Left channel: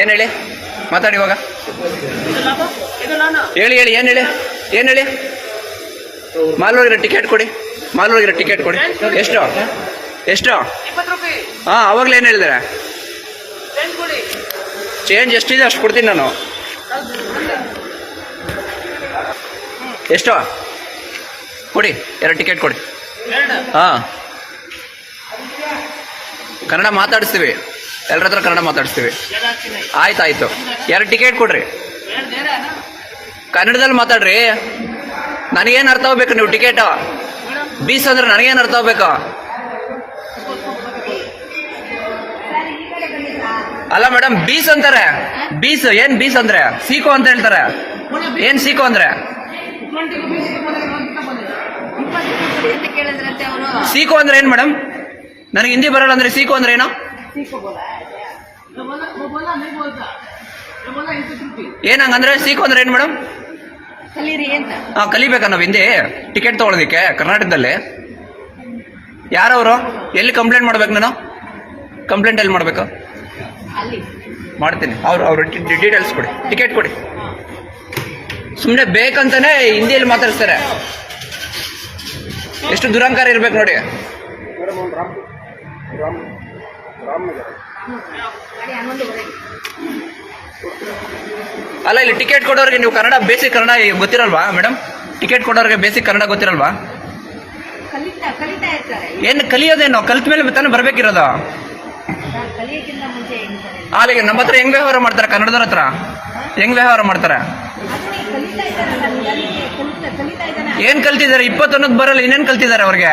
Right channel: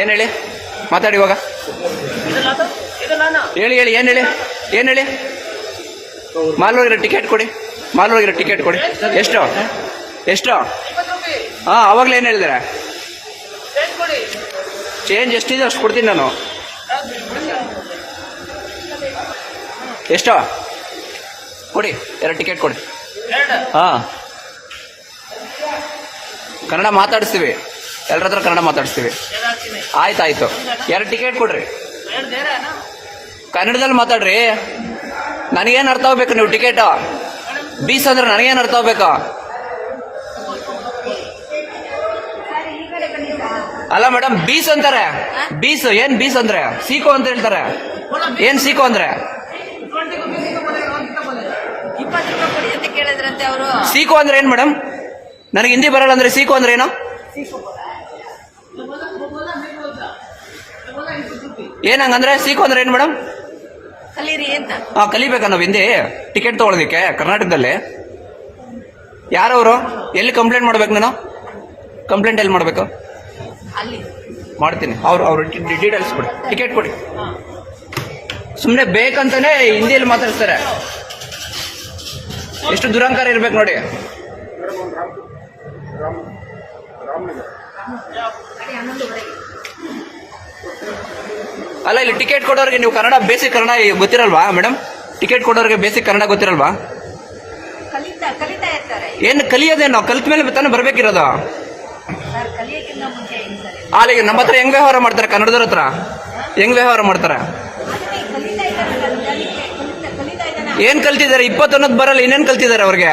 ಏನು ಹೇಳಿ? ಮಾತಾಡಿ ಇವಾಗ. ಹೇಳಿ ಹೇಳಿ, ಏನು ಹೇಳಿ? ಏನು ಹೇಳಿ? ಮಾಲೂರಿರೋ ಟಿಕೆಟ್ ಕೊಡಿ. ಮಾಲೂರಿರೋ ಟಿಕೆಟ್ ಕೊಡಿ. ಎಷ್ಟು? ಎಷ್ಟು? ಹಾಂ, ಅವಾಗಲೇ ಏನು ಹೇಳಿದಾರೆ? ಚೇಂಜ್ ಎಷ್ಟಿದೆ ಅಷ್ಟು ಕೊಡ್ತೀನಿ ನಾನು. ಎಷ್ಟು? ಕೊಡಿ, ಎರಡು ಟಿಕೆಟ್ ಕೊಡಿ. ಹಾಂ. ಕನ್ನಡ ಮಾತಾಡಿಸ್ತೀವಿ. ಎಲ್ಲರ ಹತ್ರ ಕನ್ನಡ ಮಾತಾಡಿಸ್ತೀವಿ. ಆಯ್ತಾಯ್ತು. ಆಯ್ತು ಎರಡು ಟಿಕೆಟ್ ಕೊಡ್ರಿ. ಕನ್ನಡದಲ್ಲಿ ಮಾತಾಡ್ರಿ. ನನಗೇನು ಅರ್ಥ ಆಗ್ಬೇಕು ನೀವು ಟಿಕೆಟ್? ಬೀಸ್ ಅಂದ್ರೆ ನನಗೇನು ಅರ್ಥ ಆಗ್ಬೇಕು? ಅಲ್ಲ ಮೇಡಮ್, ಬೀಸ್ ಅಂತಾರೆ. ಬೀಸ್, ಏನ್ ಬೀಸ್ ಅಂದ್ರೆ? ಸೀಕೋ ಅಂತ ಹೇಳ್ತಾರೆ. ಏನ್ ಸೀಕೋ ಅಂದ್ರೆ? ಸೀಕೋ ಅಂದ್ರೆ ಏನ್ ಮೇಡಮ್? ನನಗೆ ಹಿಂದಿ ಬರಲ್ಲ ಅಂದ್ರೆ ಸೀಕೋ ಅಂದ್ರೆ ಏನು? ಏನ್ ಹಂಗಂದ್ರೆ ಸೀಕೋ ಅಂದ್ರೆ ಏನ್ ಮೇಡಮ್? ಕಲೀರಿ ಅಂತ. ಹಾ ಕಲಿಬೇಕಾ ನಾವು ಹಿಂದೆ? ಟಿಕೆಟ್ ತಗೊಳ್ಳೋದಿಕ್ಕೆ ಕರ್ನಾಟಕದಲ್ಲಿ. ಯಾರವರು? ಎಲ್ಲಿ ಕಂಪ್ಲೇಂಟ್ ಮಾಡ್ಬೇಕು ನಾನು? ಕಂಪ್ಲೇಂಟ್ ಎಲ್ಲಿ ಮಾಡ್ಬೇಕು? ಅಲ್ಲಿ. ಮಾಡ್ತೀನಿ. ಅವ್ರು ಅವ್ರ ಡೀಟೇಲ್ಸ್ ಕೊಡಿ. ಟಿಕೆಟ್ ಕೊಡಿ. ಸುಮ್ಮನೆ ಬೇಕಂತಾನೆ ಹಿಂದಿಯಲ್ಲಿ ಮಾತಾಡ್ತಾರೆ ಎಷ್ಟು ದುರಂಕಾರ ಇರ್ಬೇಕು ನೋಡಿ. ಅಲ್ಲ ಇಲ್ಲಿ ಟಿಕೆಟ್ ಕೊಡೋರಿಗೆ ನೀವು ಕನ್ನಡ ಬೇಸಿಕ್ ಕನ್ನಡ ಗೊತ್ತಿರಲ್ವಾ ಮೇಡಮ್ ಟಿಕೆಟ್ ಕೊಡೋರಿಗೆ ಬೇಸಿಕ್ ಕನ್ನಡ ಗೊತ್ತಿರಲ್ವಾ? ಕಲಿತಾ ಕಲಿತಾ ಇರ್ತಾರೆ. ಏನು ಕಲಿಯೋದೇನು? ಕಲಿತ ಮೇಲೆ ತಾನೇ ಬರ್ಬೇಕಿರೋದು? ಸರ್ ಕಲಿಯಕ್ಕಿಂತ ಮುಂಚೆ ಏನು ಸರ್? ಅಲ್ಲಿಗೆ ನಮ್ಮ ಹತ್ರ ಹೆಂಗ್ ವ್ಯವಹಾರ ಮಾಡ್ತಾರೆ ಕನ್ನಡದವ್ರ ಹತ್ರ? ಹೆಂಗ್ ವ್ಯವಹಾರ ಮಾಡ್ತಾರೆ? ಏನ್ ಕಲ್ತಿದ್ದಾರೆ? ಇಪ್ಪತ್ತೊಂದಕ್ಕೆ ಬರಲ್ಲ ಇನ್ನೇನು ಕಲ್ತಿದ್ದಾರೆ ಅವ್ರಿಗೆ?